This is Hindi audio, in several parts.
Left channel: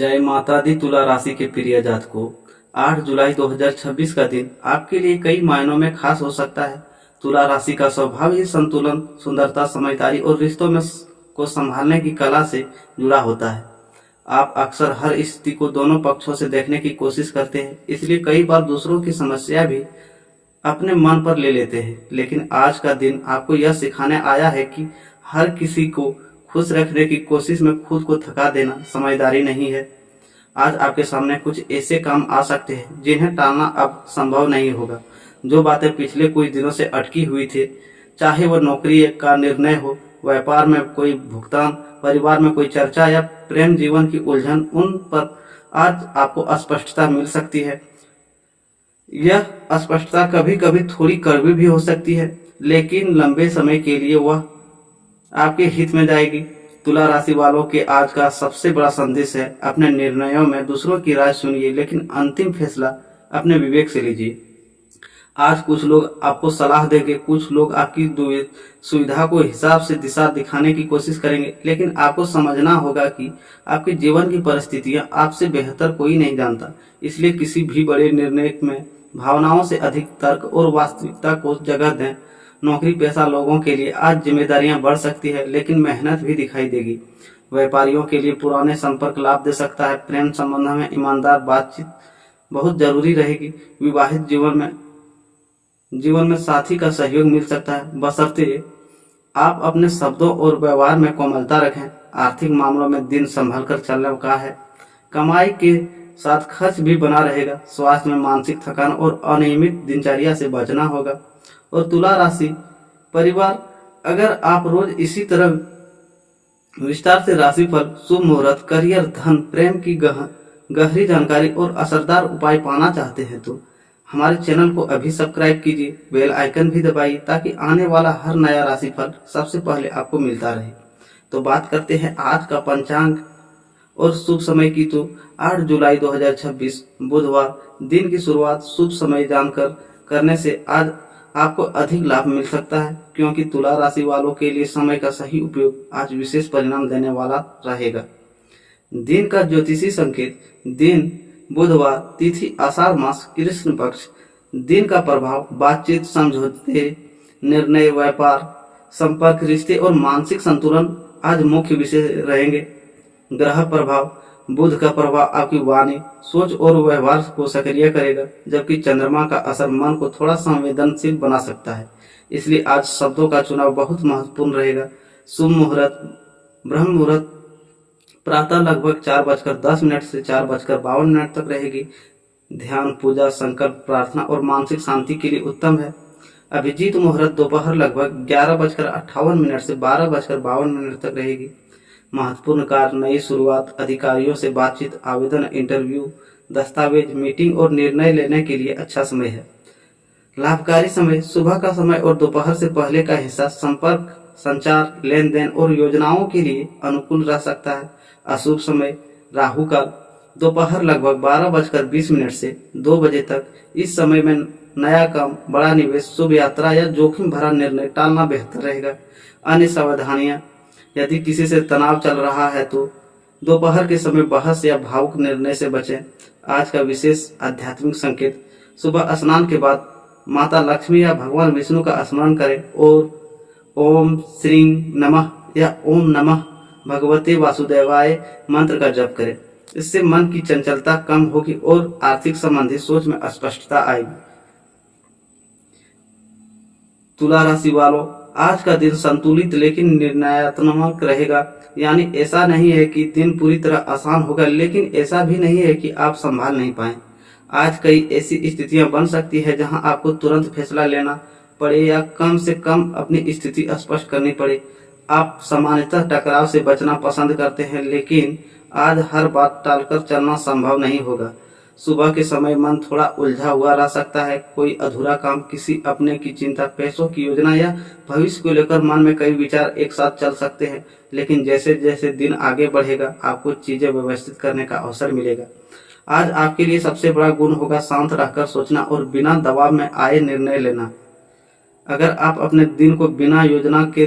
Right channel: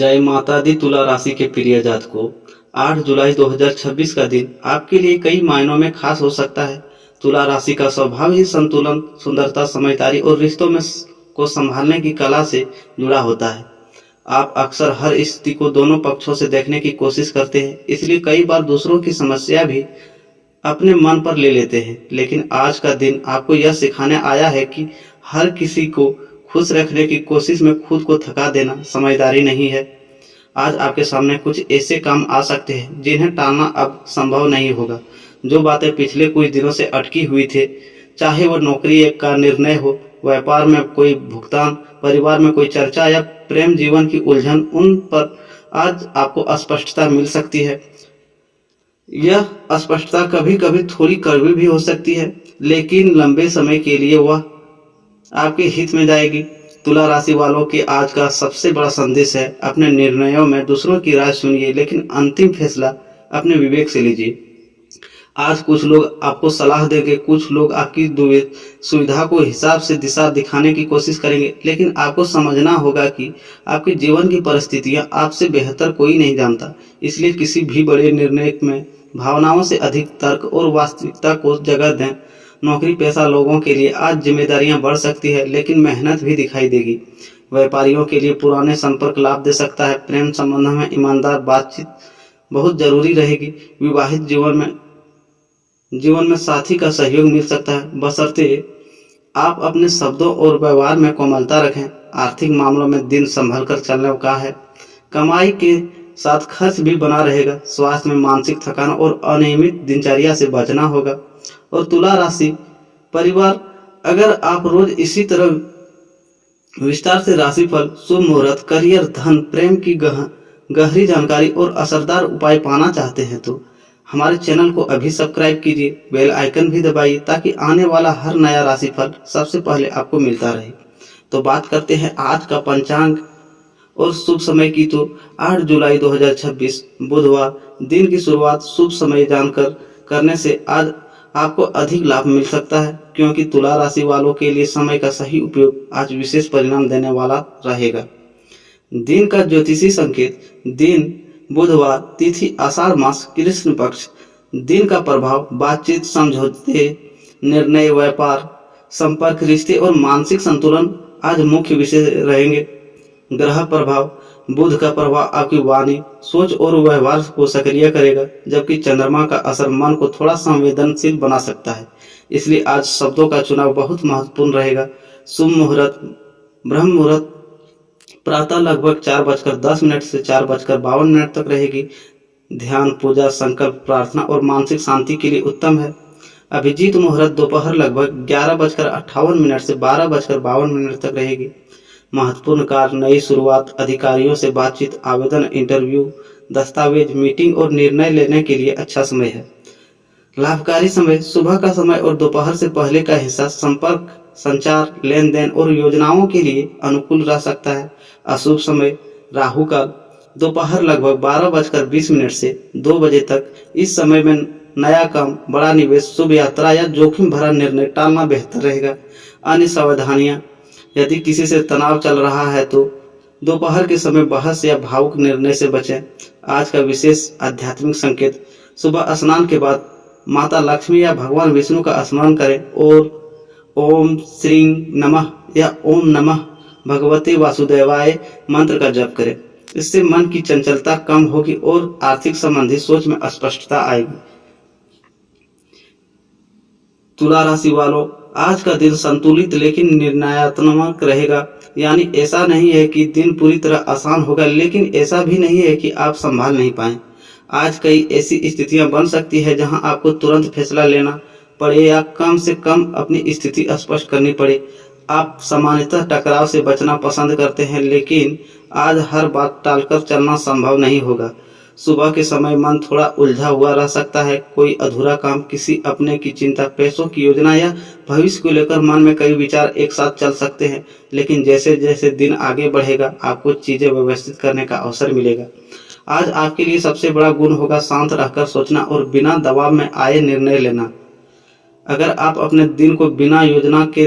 जय माता दी। तुला राशि के प्रिय जातकों, 8 जुलाई 2026 का दिन आपके लिए कई मायनों में खास हो सकता है। तुला राशि का स्वभाव ही संतुलन, सुंदरता, समझदारी और रिश्तों में को संभालने की कला से जुड़ा होता है। आप अक्सर हर स्थिति को दोनों पक्षों से देखने की कोशिश करते हैं, इसलिए कई बार दूसरों की समस्या भी अपने मन पर ले लेते हैं। लेकिन आज का दिन आपको यह सिखाने आया है कि हर किसी को खुश रखने की कोशिश में खुद को थका देना समझदारी नहीं है। आज आपके सामने कुछ ऐसे काम आ सकते हैं जिन्हें टालना अब संभव नहीं होगा। जो बातें पिछले कुछ दिनों से अटकी हुई थे, चाहे वह नौकरी का निर्णय हो, व्यापार में कोई भुगतान, परिवार में कोई चर्चा या प्रेम जीवन की उलझन, उन पर आज आपको स्पष्टता मिल सकती है। यह अस्पष्टता कभी कभी थोड़ी कड़वी भी हो सकती है, लेकिन लंबे समय के लिए वह आपके हित में जाएगी। तुला राशि वालों के आज का सबसे बड़ा संदेश है, अपने निर्णयों में दूसरों की राय सुनिए, लेकिन अंतिम फैसला अपने विवेक से लीजिए। आज कुछ लोग आपको सलाह देंगे, कुछ लोग आपकी सुविधा को हिसाब से दिशा दिखाने की कोशिश करेंगे, लेकिन आपको समझना होगा कि आपके जीवन की परिस्थितियां आपसे बेहतर कोई नहीं जानता। इसलिए किसी भी बड़े निर्णय में भावनाओं से अधिक तर्क और वास्तविकता को जगह दें। नौकरी पेशा लोगों के लिए आज जिम्मेदारियां बढ़ सकती है, लेकिन मेहनत भी दिखाई देगी। व्यापारियों के लिए पुराने संपर्क लाभ दे सकता है। प्रेम संबंधों में ईमानदार बातचीत बहुत जरूरी रहेगी। विवाहित जीवन में साथी का सहयोग मिल सकता है, बशर्ते आप अपने शब्दों और व्यवहार में कोमलता रखें। आर्थिक मामलों में दिन संभल कर चलने का है। कमाई के साथ खर्च भी बना रहेगा। स्वास्थ्य में मानसिक थकान और अनियमित दिनचर्या से बचना होगा। और तुला राशि परिवार, अगर आप रोज इसी तरह विस्तार से राशिफल, शुभ मुहूर्त, करियर, धन, प्रेम की गहरी जानकारी और असरदार उपाय पाना चाहते हैं तो हमारे चैनल को अभी सब्सक्राइब कीजिए, बेल आइकन भी दबाइए ताकि आने वाला हर नया राशिफल सबसे पहले आपको मिलता रहे। तो बात करते हैं आज का पंचांग और शुभ समय की। तो 8 जुलाई 2026 बुधवार, दिन की शुरुआत शुभ समय जानकर करने से आज आपको अधिक लाभ मिल सकता है, क्योंकि तुला राशि वालों के लिए समय का सही उपयोग आज विशेष परिणाम देने वाला रहेगा। दिन का ज्योतिषी संकेत, दिन बुधवार, तिथि आषाढ़ मास, कृष्ण पक्ष। दिन का प्रभाव बातचीत, समझौते, निर्णय, व्यापार, संपर्क, रिश्ते और मानसिक संतुलन आज मुख्य विषय रहेंगे। ग्रह प्रभाव, बुध का प्रभाव आपकी वाणी, सोच और व्यवहार को सक्रिय करेगा, जबकि चंद्रमा का असर मन को थोड़ा संवेदनशील बना सकता है। इसलिए आज शब्दों का चुनाव बहुत महत्वपूर्ण रहेगा। शुभ मुहूर्त, ब्रह्म मुहूर्त प्रातः लगभग 4:10 से 4:52 तक रहेगी। ध्यान, पूजा, संकल्प, प्रार्थना और मानसिक शांति के लिए उत्तम है। अभिजीत मुहूर्त दोपहर लगभग 11:58 से 12:52 तक रहेगी। महत्वपूर्ण कार्य, नई शुरुआत, अधिकारियों से बातचीत, आवेदन, इंटरव्यू, दस्तावेज, मीटिंग और निर्णय लेने के लिए अच्छा समय है। लाभकारी समय, सुबह का समय और दोपहर से पहले का हिस्सा संपर्क, संचार, लेन देन और योजनाओं के लिए अनुकूल रह सकता है। अशुभ समय, राहु काल, दोपहर लगभग 12:20 से 2 बजे तक। इस समय में नया काम, बड़ा निवेश, शुभ यात्रा या जोखिम भरा निर्णय टालना बेहतर रहेगा। अन्य सावधानियां, यदि किसी से तनाव चल रहा है तो दोपहर के समय बहस या भावुक निर्णय से बचें। आज का विशेष आध्यात्मिक संकेत, सुबह स्नान के बाद माता लक्ष्मी या भगवान विष्णु का स्मरण करें और ओम श्री नमः या ओम नमः भगवते वासुदेवाय मंत्र का जप करें। इससे मन की चंचलता कम होगी और आर्थिक संबंधी सोच में स्पष्टता आएगी। तुला राशि वालों, आज का दिन संतुलित लेकिन निर्णयात्मक रहेगा। यानी ऐसा नहीं है कि दिन पूरी तरह आसान होगा, लेकिन ऐसा भी नहीं है कि आप संभाल नहीं पाए। आज कई ऐसी स्थितियां बन सकती है जहां आपको तुरंत फैसला लेना पड़े या कम से कम अपनी स्थिति स्पष्ट करनी पड़े। आप सामान्यतः टकराव से बचना पसंद करते हैं, लेकिन आज हर बात टालकर चलना संभव नहीं होगा। सुबह के समय मन थोड़ा उलझा हुआ रह सकता है। कोई अधूरा काम, किसी अपने की चिंता, पैसों की योजना या भविष्य को लेकर मन में कई विचार एक साथ चल सकते हैं। लेकिन जैसे जैसे दिन आगे बढ़ेगा, आपको चीजें व्यवस्थित करने का अवसर मिलेगा। आज आपके लिए सबसे बड़ा गुण होगा शांत रहकर सोचना और बिना दबाव में आए निर्णय लेना। अगर आप अपने दिन को बिना योजना के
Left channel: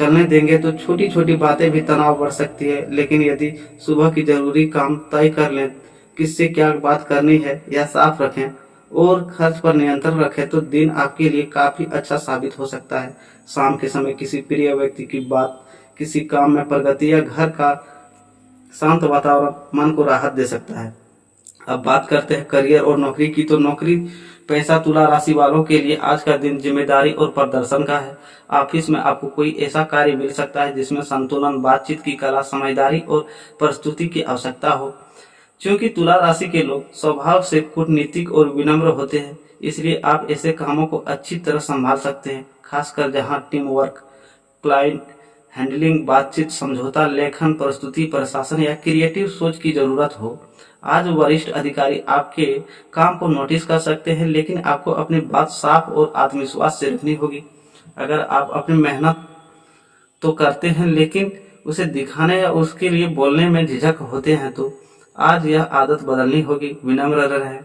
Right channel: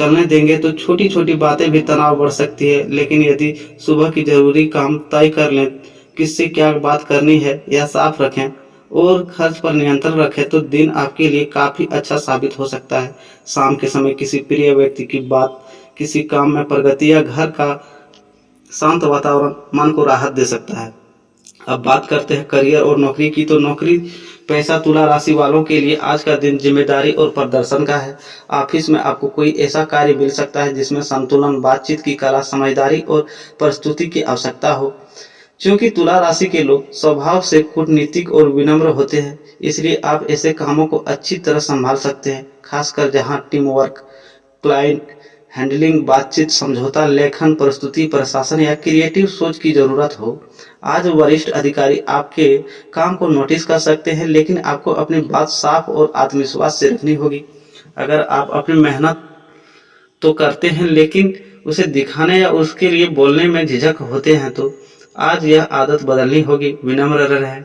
चलने देंगे तो छोटी छोटी बातें भी तनाव बढ़ सकती है। लेकिन यदि सुबह की जरूरी काम तय कर लें, किससे क्या बात करनी है या साफ रखें और खर्च पर नियंत्रण रखें, तो दिन आपके लिए काफी अच्छा साबित हो सकता है। शाम के समय किसी प्रिय व्यक्ति की बात, किसी काम में प्रगति या घर का शांत वातावरण मन को राहत दे सकता है। अब बात करते हैं करियर और नौकरी की। तो नौकरी पैसा तुला राशि वालों के लिए आज का दिन जिम्मेदारी और प्रदर्शन का है। ऑफिस में आपको कोई ऐसा कार्य मिल सकता है जिसमें संतुलन, बातचीत की कला, समझदारी और प्रस्तुति की आवश्यकता हो। क्योंकि तुला राशि के लोग स्वभाव से कूटनीतिक और विनम्र होते हैं, इसलिए आप ऐसे कामों को अच्छी तरह संभाल सकते हैं, खासकर जहां टीम वर्क, क्लाइंट हैंडलिंग, बातचीत, समझौता, लेखन, प्रस्तुति, प्रशासन या क्रिएटिव सोच की जरूरत हो। आज वरिष्ठ अधिकारी आपके काम को नोटिस कर सकते हैं, लेकिन आपको अपनी बात साफ और आत्मविश्वास से रखनी होगी। अगर आप अपनी मेहनत तो करते हैं लेकिन उसे दिखाने या उसके लिए बोलने में झिझक होते हैं, तो आज यह आदत बदलनी होगी। विनम्र रहें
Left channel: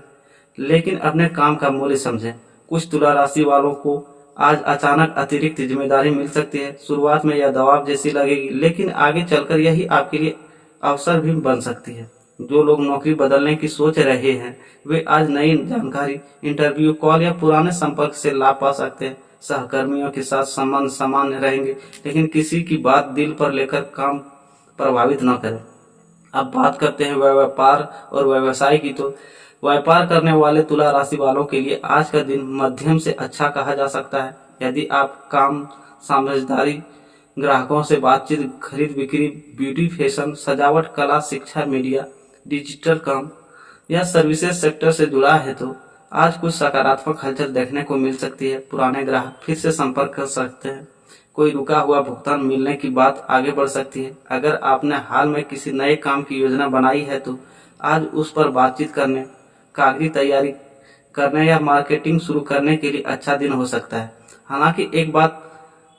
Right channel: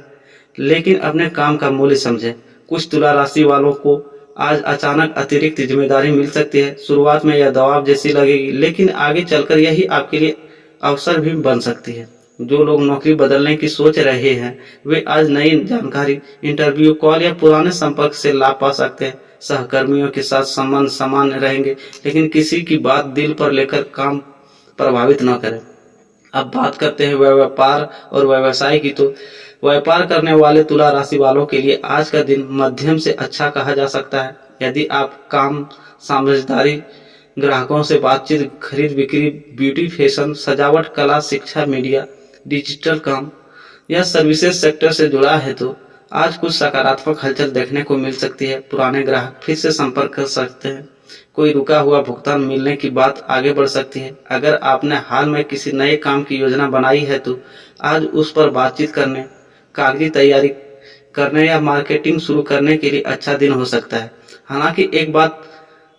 लेकिन अपने काम का मूल्य समझें। कुछ तुला राशि वालों को आज अचानक अतिरिक्त जिम्मेदारी मिल सकती है। शुरुआत में यह दबाव जैसी लगेगी, लेकिन आगे चलकर यही आपके लिए अवसर भी बन सकती है। जो लोग नौकरी बदलने की सोच रहे हैं, वे आज नई जानकारी, इंटरव्यू कॉल या पुराने संपर्क से लाभ पा सकते हैं। सहकर्मियों के साथ संबंध समान रहेंगे, लेकिन किसी की बात दिल पर लेकर काम प्रभावित न करें। अब बात करते हैं व्यापार और व्यवसाय की। तो व्यापार करने वाले तुला राशि वालों के लिए आज का दिन मध्यम से अच्छा कहा जा सकता है। यदि आप काम, समझदारी, ग्राहकों से बातचीत, खरीद बिक्री, ब्यूटी, फैशन, सजावट, कला, शिक्षा, मीडिया, डिजिटल काम या सर्विसेज सेक्टर से जुड़ा है, तो आज कुछ सकारात्मक हलचल देखने को मिल सकती है। पुराने ग्राहक फिर से संपर्क कर सकते हैं, कोई रुका हुआ भुगतान मिलने की बात आगे बढ़ सकती है। अगर आपने हाल में किसी नए काम की योजना बनाई है, तो आज उस पर बातचीत करने, कागजी तैयारी करने या मार्केटिंग शुरू करने के लिए अच्छा दिन हो सकता है। हालांकि एक बात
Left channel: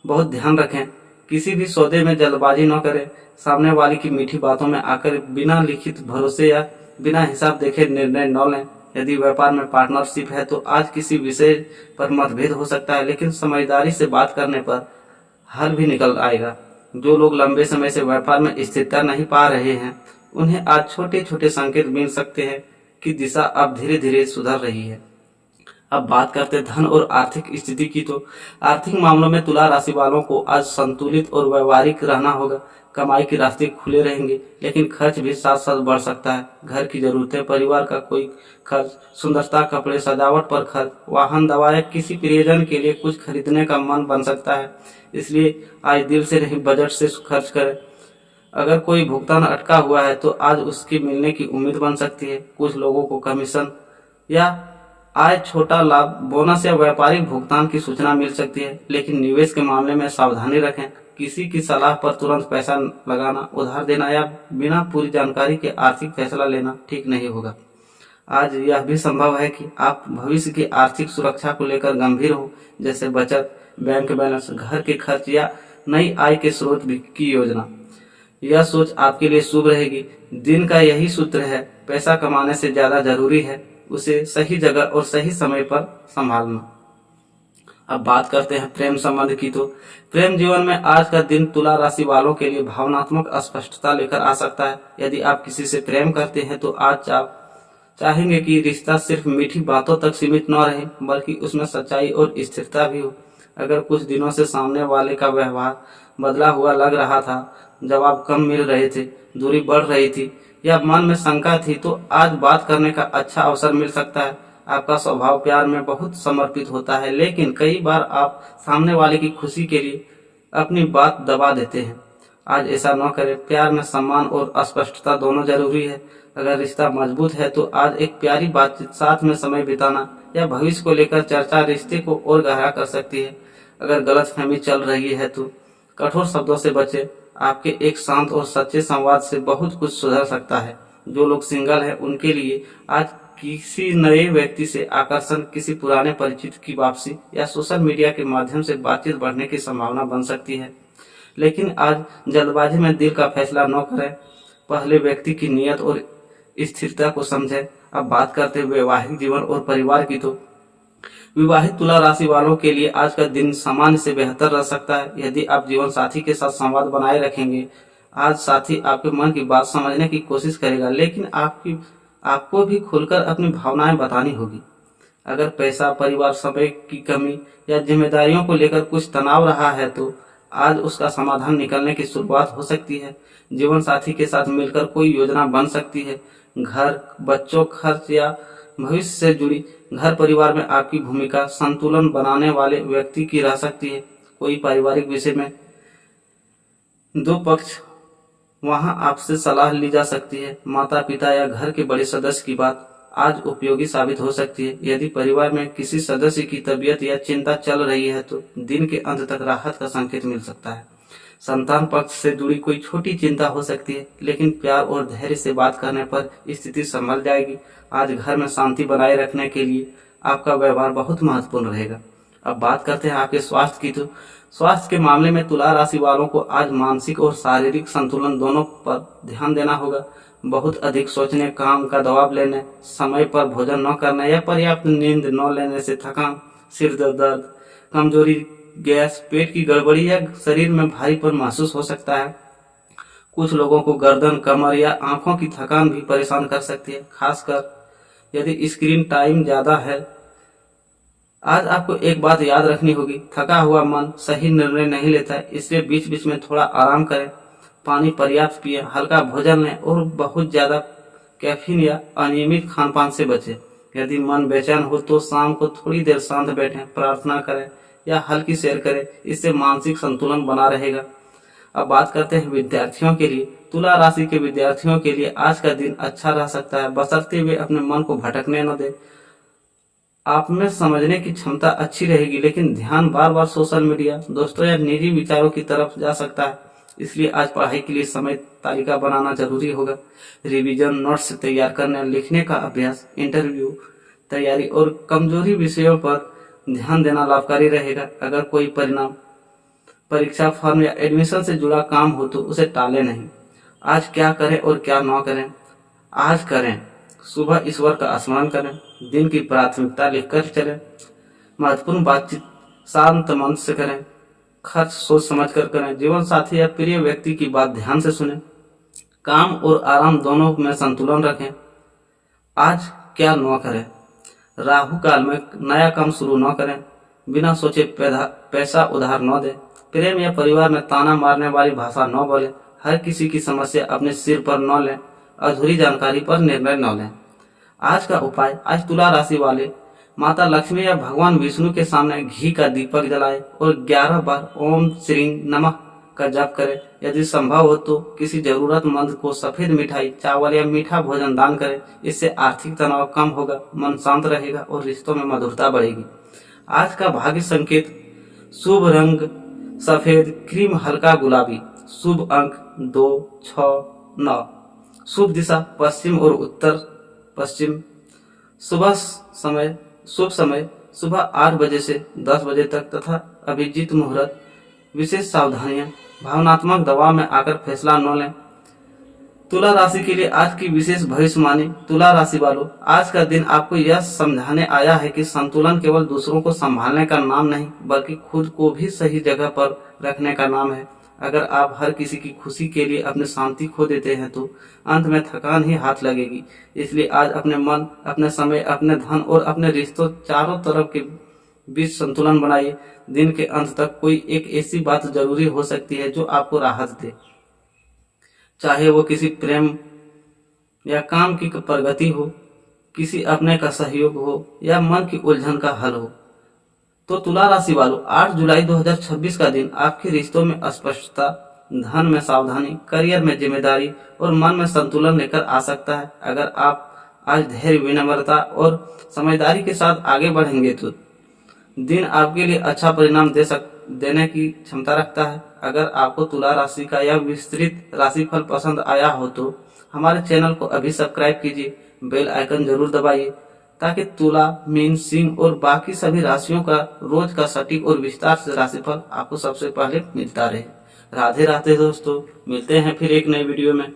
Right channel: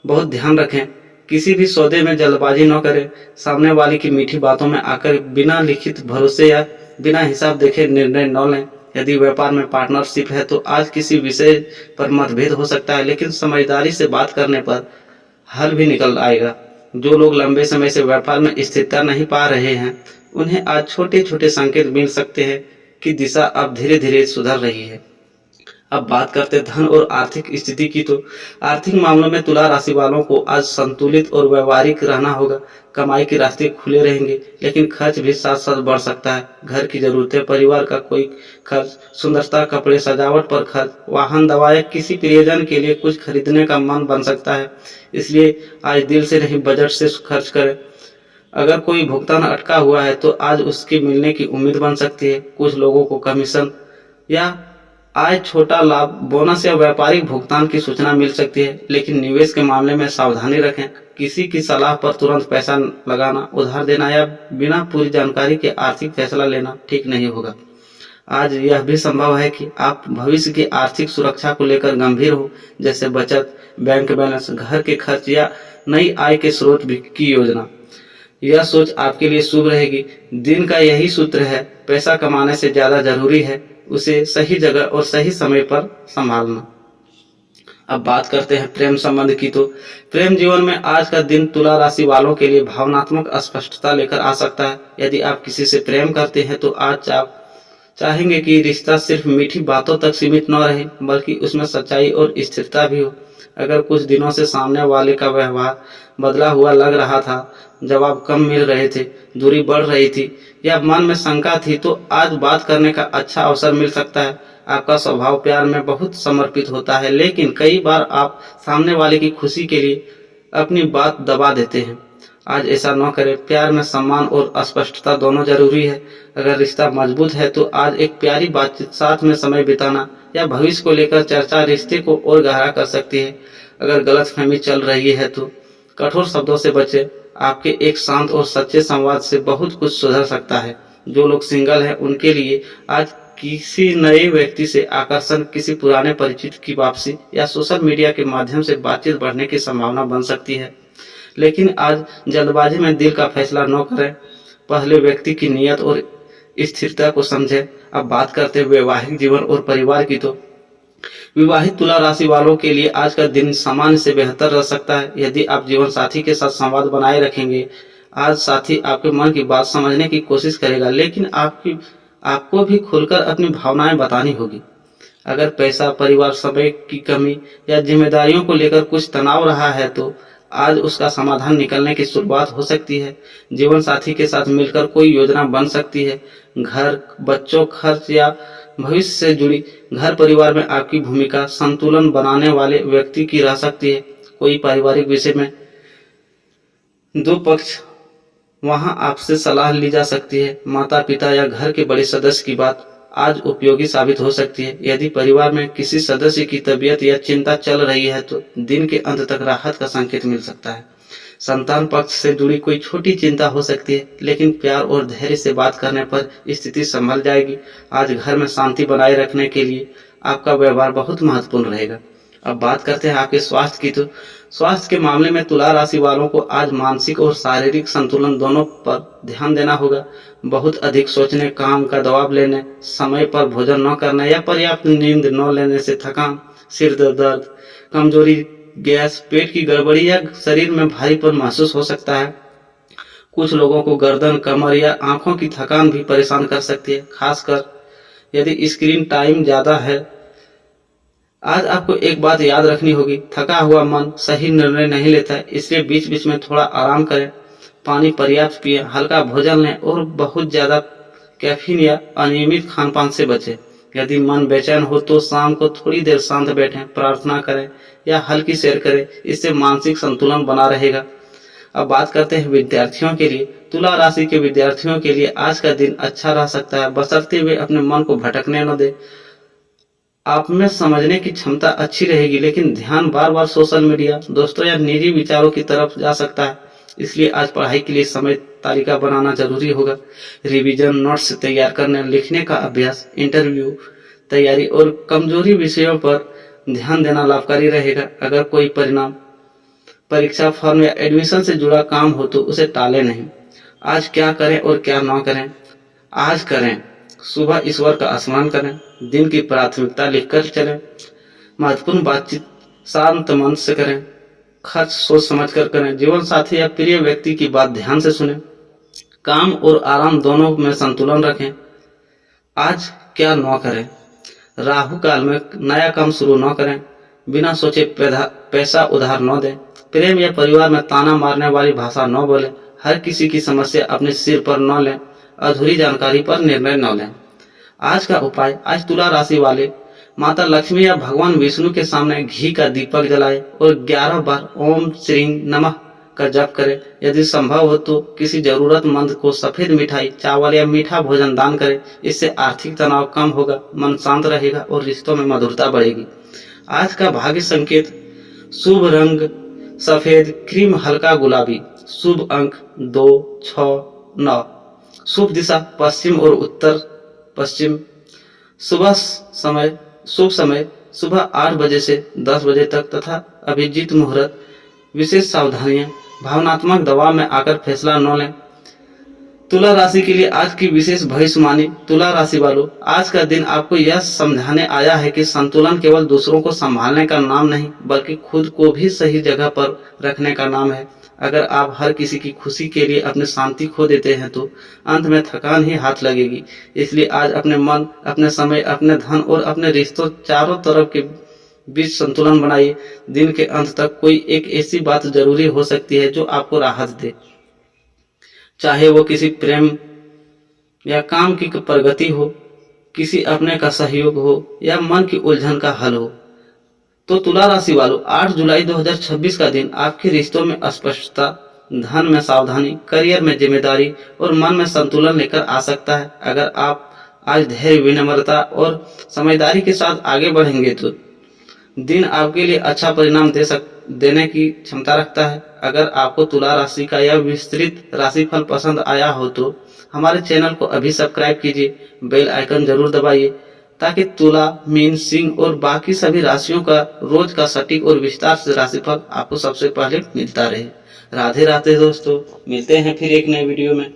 बहुत ध्यान रखें, किसी भी सौदे में जल्दबाजी न करें। सामने वाले की मीठी बातों में आकर बिना लिखित भरोसे या बिना हिसाब देखे निर्णय न लें। यदि व्यापार में पार्टनरशिप है, तो आज किसी विषय पर मतभेद हो सकता है, लेकिन समझदारी से बात करने पर हल भी निकल आएगा। जो लोग लंबे समय से व्यापार में स्थिरता नहीं पा रहे हैं, उन्हें आज छोटे छोटे संकेत मिल सकते हैं कि दिशा अब धीरे धीरे सुधर रही है। अब बात करते धन और आर्थिक स्थिति की। तो आर्थिक मामलों में तुला राशि वालों को आज संतुलित और व्यवहारिक रहना होगा। कमाई के रास्ते खुले रहेंगे, लेकिन खर्च भी साथ साथ बढ़ सकता है। घर की जरूरतें, परिवार का कोई खर्च, सुंदरता, कपड़े, सजावट पर खर्च, वाहन, दवा या किसी प्रियजन के लिए कुछ खरीदने का मन बन सकता है। इसलिए आज दिल से नहीं, बजट से खर्च करें। अगर कोई भुगतान अटका हुआ है, तो आज उसके मिलने की उम्मीद बन सकती है। कुछ लोगों को कमीशन या आय, छोटा लाभ, बोनस या व्यापारिक भुगतान की सूचना मिल सकती है। लेकिन निवेश के मामले में सावधानी रखें। किसी की सलाह पर तुरंत पैसा लगाना, उधार देना या बिना पूरी जानकारी के आर्थिक फैसला लेना ठीक नहीं होगा। आज यह भी संभव है कि आप भविष्य की आर्थिक सुरक्षा को लेकर गंभीर हो, जैसे बचत, बैंक बैलेंस, घर के खर्च या नई आय के स्रोत की योजना। यह सोच आपके लिए शुभ रहेगी। दिन का यही सूत्र है, पैसा कमाने से ज्यादा जरूरी है उसे सही जगह और सही समय पर संभालना। अब बात करते हैं प्रेम संबंध की। तो प्रेम जीवन में आज का दिन तुला राशि वालों के लिए भावनात्मक अस्पष्टता लेकर आ सकता है। यदि आप किसी से प्रेम करते हैं, तो आज आप चाहेंगे कि रिश्ता सिर्फ मीठी बातों तक सीमित न रहे, बल्कि उसमें सच्चाई और स्थिरता भी हो। अगर कुछ दिनों से सामने वाले का व्यवहार बदला हुआ लग रहा था, जवाब कम मिल रहे थे, दूरी बढ़ रही थी या मन में शंका थी, तो आज बात करने का अच्छा अवसर मिल सकता है। आपका स्वभाव प्यार में बहुत समर्पित होता है, लेकिन कई बार आप सामने वाले की खुशी के लिए अपनी बात दबा देते हैं। आज ऐसा न करें। प्यार में सम्मान और स्पष्टता दोनों जरूरी है। अगर रिश्ता मजबूत है, तो आज एक प्यारी बातचीत, साथ में समय बिताना या भविष्य को लेकर चर्चा रिश्ते को और गहरा कर सकती है। अगर गलतफहमी चल रही है, तो कठोर शब्दों से बचें। आपके एक शांत और सच्चे संवाद से बहुत कुछ सुधर सकता है। जो लोग सिंगल हैं, उनके लिए आज किसी नए व्यक्ति से आकर्षण, किसी पुराने परिचित की वापसी या सोशल मीडिया के माध्यम से बातचीत बढ़ने की संभावना बन सकती है। लेकिन आज जल्दबाजी में दिल का फैसला न करें। पहले व्यक्ति की नीयत और स्थिरता को समझें। अब बात करते हैं वैवाहिक जीवन और परिवार की। तो विवाहित तुला राशि वालों के लिए आज का दिन सामान्य से बेहतर रह सकता है यदि आप जीवन साथी के साथ संवाद बनाए रखेंगे। आज साथी आपके मन की बात समझने की कोशिश करेगा, लेकिन आपको भी खुलकर अपनी भावनाएं बतानी होगी। अगर पैसा, परिवार, समय की कमी या जिम्मेदारियों को लेकर कुछ तनाव रहा है तो आज उसका समाधान निकलने की शुरुआत हो सकती है। जीवन साथी के साथ मिलकर कोई योजना बन सकती है। घर, बच्चों, खर्च या भविष्य से जुड़ी घर परिवार में आपकी भूमिका संतुलन बनाने वाले व्यक्ति की रह सकती है। कोई पारिवारिक विषय में दो पक्ष वहां आपसे सलाह ली जा सकती है। माता पिता या घर के बड़े सदस्य की बात आज उपयोगी साबित हो सकती है। यदि परिवार में किसी सदस्य की तबीयत या चिंता चल रही है तो दिन के अंत तक राहत का संकेत मिल सकता है। संतान पक्ष से जुड़ी कोई छोटी चिंता हो सकती है, लेकिन प्यार और धैर्य से बात करने पर स्थिति संभल जाएगी। आज घर में शांति बनाए रखने के लिए आपका व्यवहार बहुत महत्वपूर्ण रहेगा। अब बात करते हैं आपके स्वास्थ्य की। तो स्वास्थ्य के मामले में तुला राशि वालों को आज मानसिक और शारीरिक संतुलन दोनों पर ध्यान देना होगा। बहुत अधिक सोचने, काम का दबाव लेने, समय पर भोजन न करने या पर्याप्त नींद न लेने से थकान, सिर दर्द, कमजोरी, गैस, पेट की गड़बड़ी या शरीर में भारीपन महसूस हो सकता है। कुछ लोगों को गर्दन, कमर या आंखों की थकान भी परेशान कर सकती है, खासकर यदि स्क्रीन टाइम ज्यादा है। आज आपको एक बात याद रखनी होगी, थका हुआ मन सही निर्णय नहीं लेता है, इसलिए बीच बीच में थोड़ा आराम करें। पानी पर्याप्त पिए, हल्का भोजन लें और बहुत ज्यादा कैफीन या अनियमित खान पान से बचें। यदि मन बेचैन हो तो शाम को थोड़ी देर शांत बैठें, प्रार्थना करें या हल्की सैर करें, इससे मानसिक संतुलन बना रहेगा। अब बात करते हैं विद्यार्थियों के लिए। तुला राशि के विद्यार्थियों के लिए आज का दिन अच्छा रह सकता है, बशर्ते वे अपने मन को भटकने न दे। आप में समझने की क्षमता अच्छी रहेगी, लेकिन ध्यान बार बार सोशल मीडिया, दोस्तों या निजी विचारों की तरफ जा सकता है। इसलिए आज पढ़ाई के लिए समय तालिका बनाना जरूरी होगा। रिवीजन, नोट्स तैयार करना, लिखने का अभ्यास, इंटरव्यू तैयारी और कमजोरी विषयों पर ध्यान देना लाभकारी रहेगा। अगर कोई परिणाम, परीक्षा, फॉर्म या एडमिशन से जुड़ा काम हो तो उसे टाले नहीं। आज क्या करें और क्या न करें? आज करें, सुबह ईश्वर का स्मरण करें, दिन की प्राथमिकता लिखकर चलें, महत्वपूर्ण बातचीत शांत मन से करें, खर्च सोच समझ कर करें, जीवन साथी या प्रिय व्यक्ति की बात ध्यान से सुनें, काम और आराम दोनों में संतुलन रखें। आज क्या न करें? राहु काल में नया काम शुरू न करें, बिना सोचे पैसा उधार न दें, प्रेम या परिवार में ताना मारने वाली भाषा न बोलें, हर किसी की समस्या अपने सिर पर न लें, अधूरी जानकारी पर निर्णय न लें। आज का उपाय, आज तुला राशि वाले माता लक्ष्मी या भगवान विष्णु के सामने घी का दीपक जलाएं और 11 बार ओम श्री नमः का जप करें। यदि संभव हो तो किसी जरूरतमंद को सफेद मिठाई, चावल या मीठा भोजन दान करें। इससे आर्थिक तनाव कम होगा, मन शांत रहेगा और रिश्तों में मधुरता बढ़ेगी। आज का भाग्य संकेत, शुभ रंग सफेद, क्रीम, हल्का गुलाबी। शुभ अंक 2, 6, 9। शुभ दिशा पश्चिम और उत्तर पश्चिम। शुभ समय सुबह 8 बजे से 10 बजे तक तथा अभिजीत मुहूर्त। विशेष सावधानियां, भावनात्मक दबाव में आकर फैसला न लें। तुला राशि के लिए आज की विशेष भविष्यवाणी। तुला राशि वालों, आज का दिन आपको यह समझाने आया है कि संतुलन केवल दूसरों को संभालने का नाम नहीं, बल्कि खुद को भी सही जगह पर रखने का नाम है। अगर आप हर किसी की खुशी के लिए अपनी शांति खो देते हैं तो अंत में थकान ही हाथ लगेगी। इसलिए आज अपने मन, अपने समय, अपने धन और अपने रिश्तों चारों तरफ के बीच संतुलन बनाइए। दिन के अंत तक कोई एक ऐसी बात जरूरी हो सकती है जो आपको राहत दे, चाहे वो किसी प्रेम या काम की प्रगति हो, किसी अपने का सहयोग हो या मन की उलझन का हल हो। तो तुला राशि वालों, 8 जुलाई 2026 का दिन आपके रिश्तों में स्पष्टता, धन में सावधानी, करियर में जिम्मेदारी और मन में संतुलन लेकर आ सकता है। अगर आप आज धैर्य, विनम्रता और समझदारी के साथ आगे बढ़ेंगे तो दिन आपके लिए अच्छा परिणाम देने की क्षमता रखता है। अगर आपको तुला राशि का यह विस्तृत राशिफल पसंद आया हो तो हमारे चैनल को अभी सब्सक्राइब कीजिए, बेल आइकन जरूर दबाइए ताकि तुला, मीन, सिंह और बाकी सभी राशियों का रोज का सटीक और विस्तार से राशिफल आपको सबसे पहले मिलता रहे। राधे राधे दोस्तों, मिलते हैं फिर एक नए वीडियो में।